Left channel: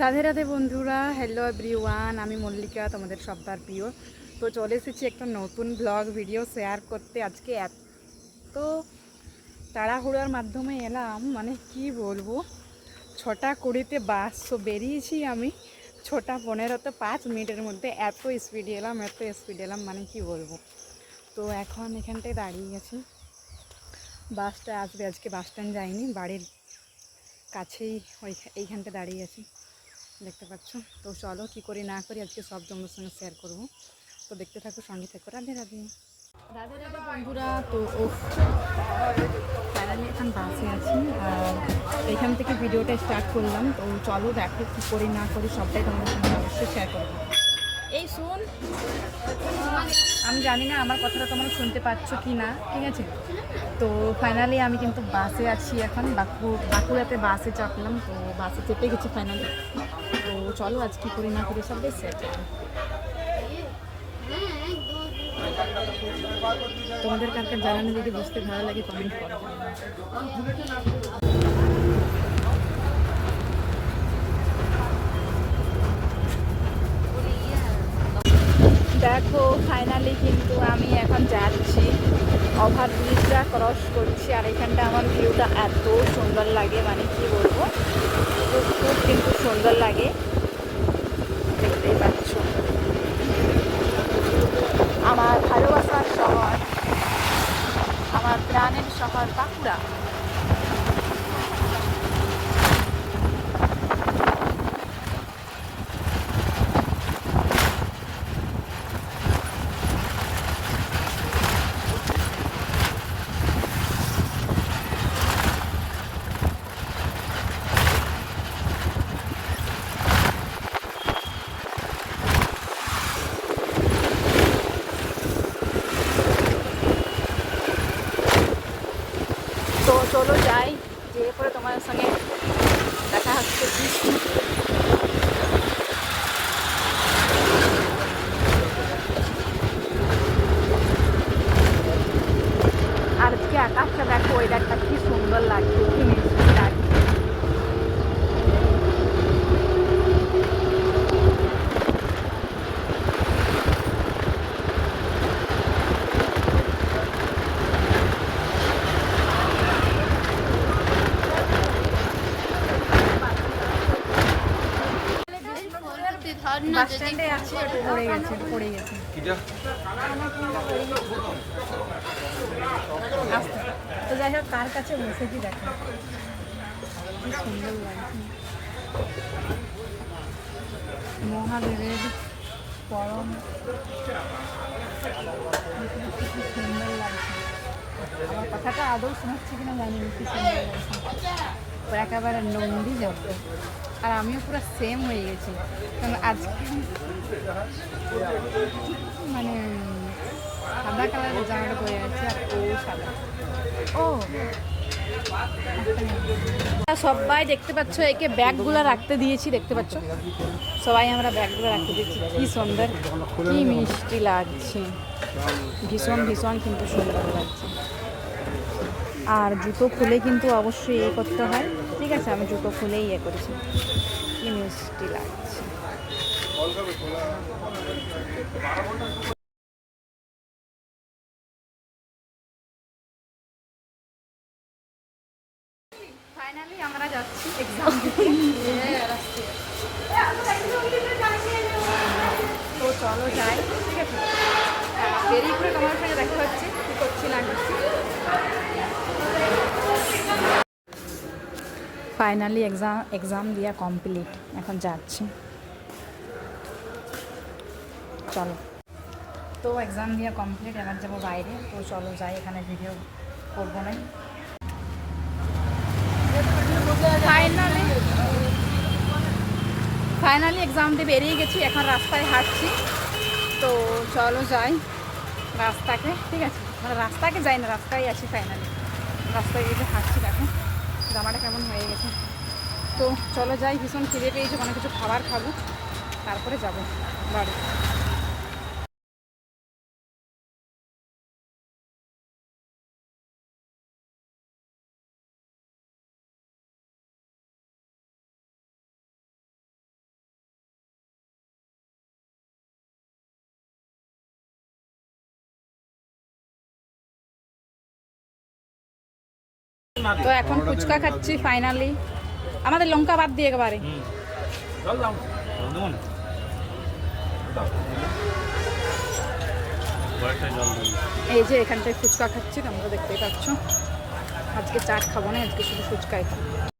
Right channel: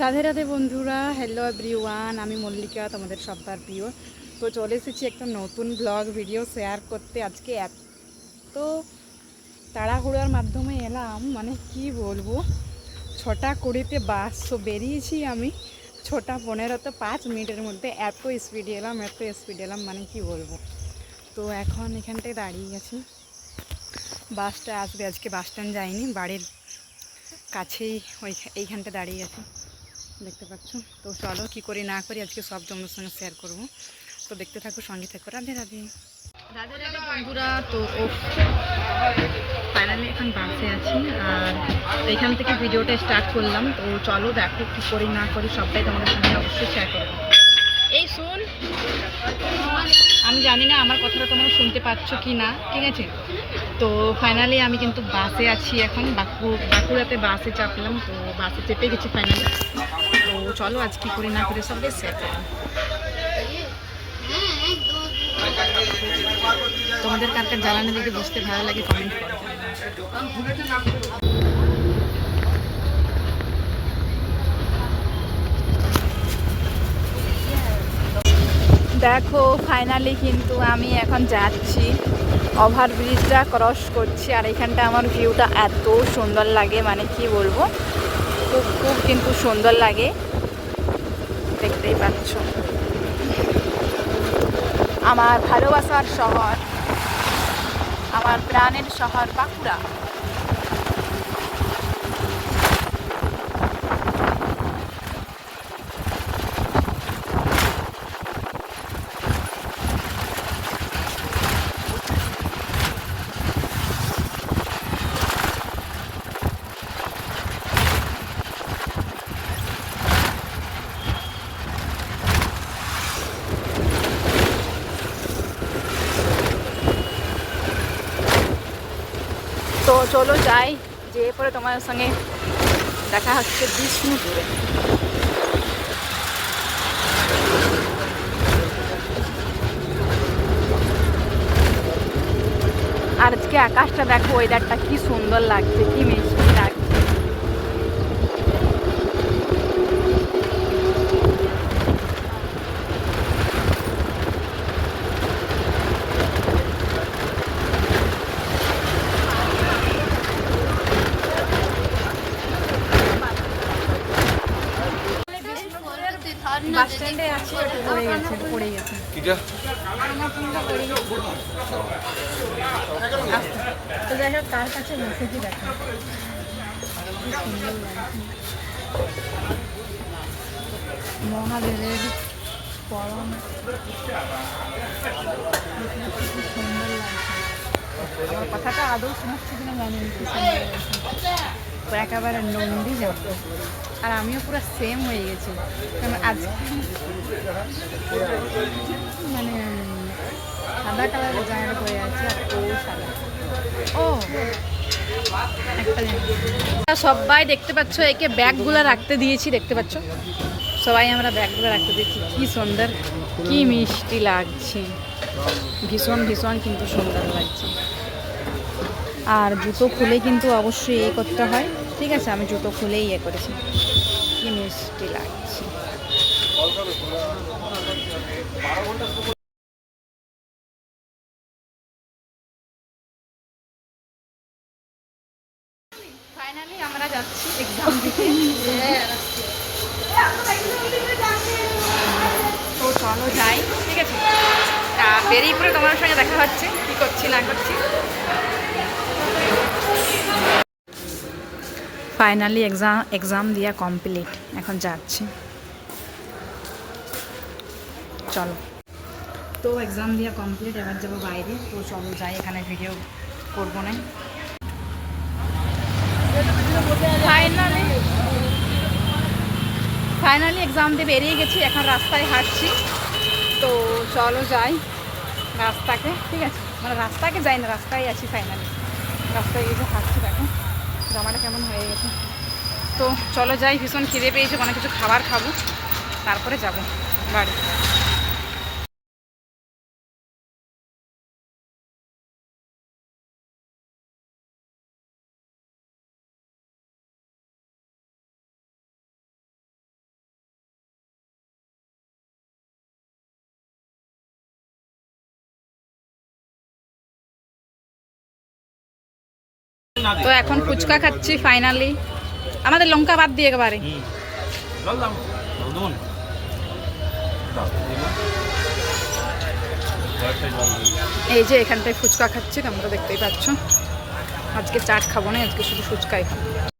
রাধে রাধে বন্ধুরা, hello everyone. আমি মল্লিকা, তোমাদের সবার প্রিয়। তো চলে এসেছি একটা নতুন ব্লগ ভিডিও শেয়ার করতে। আজকে এত তাড়াহুড়োর মাধ্যমে এলাম, মানে কি বলবো। 6:20 বাস বেরিয়েছি আমি, 6:15 5 মিনিটের মধ্যে এত স্পিডে এলাম, মানে কি বলবো। তো এখন এখানটায় দাঁড়িয়ে গেছি, বাসটা আসবে। আজকে বাস স্ট্যান্ড যাইনি, বাড়ির কাছেই এইখানটা দাঁড়িয়ে আছি, দেখতে পাচ্ছ। তো চলো কি করি না করি আজকে সব তোমাদের সঙ্গে শেয়ার করব। তো দেখতে থাকো, সঙ্গে থাকো। রাধে রাধে রাধে রাধে বন্ধুরা। তো ফাইনালি এখন বাসে আছি, আর এইখান থেকে ভিডিওটা স্টার্ট করলাম। তো চলো দেখো কি করি না করি সবটাই তোমাদের সঙ্গে অবশ্যই শেয়ার করবো। এই শোন, আমি জানি না আমার কথাটা তোমরা শুনতে পাচ্ছ কি না, ঠিক আছে। তো ফাইনালি আমি কিন্তু বাসে আছি এখন, বাঁকুড়াতে বাসে চাপলাম। তো বাসে চেপে গেছি ফাইনালি। তো চলো আজ কি করি না করি সব বেশ শেয়ার করবো। তোমাদের কার কার জ্বালানি দেখে বুঝতে ভালো লাগে কমেন্ট করো। দেখো ফাইনালি কিন্তু আমি এখন যাচ্ছি, ওভারব্রিজটা ক্রস করছি। আর এখানটা আমার ভিউটা এত সুন্দর লাগে, মানে কি বলবো, খুব খুব কিন্তু সুন্দর লাগে, দেখতেই পাচ্ছ। আমার ভালোবাসার শহর, আমার প্রাণের শহর বাঁকুড়া। তো চলো যাই, যেয়ে পরে তোমার সঙ্গে দেখা হচ্ছে বিষ্ণুপুরে। আর আজকে আকাশটা দেখো, ওয়েদারটা কি সুন্দর লাগছে, কি মিষ্টি লাগছে। বাস স্ট্যান্ডে আছি, একটু পড়ে গেছে, আস্তে। তো যাই হোক, কার কাছে বসেছি দেখো, কি সুন্দর লাগছে। মহাদেবের পরম, কি সুন্দর লাগছে। আমার কথাটা আদৌ শোনাচ্ছে কিনা জানি না, কি সুন্দর লাগছে। একেবারে নন্দী যাবো, আর আমিও পুরো সেম হয়ে গেছি, কারণ আজকে মানে সাদা কালারের জামাটা পরে আছে, আর ও সাদা। ও একটা সবাই দেখতে পাচ্ছ, একে ব্যাগগুলো রাখতে দিয়েছি, দেখতে পাচ্ছ সবাই আমরা ব্যাগগুলো রাখতে দিয়েছি। কি সুন্দর, কি মিষ্টি লাগছে, ভীষণ ভীষণ কিন্তু সুন্দর লাগছে। আর জুতো খুলে কিন্তু অবশ্যই এ করতে হয়, ঠিক আছে। আমি জুতো খুলেই ইয়ে করেছি, কি মিষ্টি লাগছে। ফাইনালি আমরা যাচ্ছি এক্সাম দিতে। তো চলো যাই, ঠিক আছে। বেরিয়ে পরে তোমার সঙ্গে দেখা হচ্ছে কি করছি না করছি। ফাইনালি এক্সাম দেওয়া কমপ্লিট, এখন যাচ্ছি, চলো। তো এক্সাম দেওয়া কমপ্লিট, এবার যাবো বাইরে। তো চলো যাই, এখানে ভিডিও করবো না। ফাইনালি এক্সাম দিয়ে বেরিয়ে গেছি, এখন রাস্তায় হাঁটছি। তো চলো যাই রাস্তাকে, ঠিক আছে। মানে রাস্তাকে যাই না, রাস্তায় আছি ফাইনালি, রাস্তায় গেছে হাঁটছি। দেখো জামাটা কেমন হয়ে গেছে। তো চলো যাই, ভীষণ খিদে পেয়েছে, কোনো কিছু খাবার খাবো, তারপরে যাব বাড়ি। তো এখন ফুচকা খাচ্ছি ফাইনালি, আমাদের লঙ্কা বাদ দিয়ে একেবারে। এই যে এখানটায় ফুচকা খাচ্ছি, তোমরা দেখতেই পাচ্ছ। আজকে চাট খাবো না, আজকে শুধু ফুচকাই খাবো।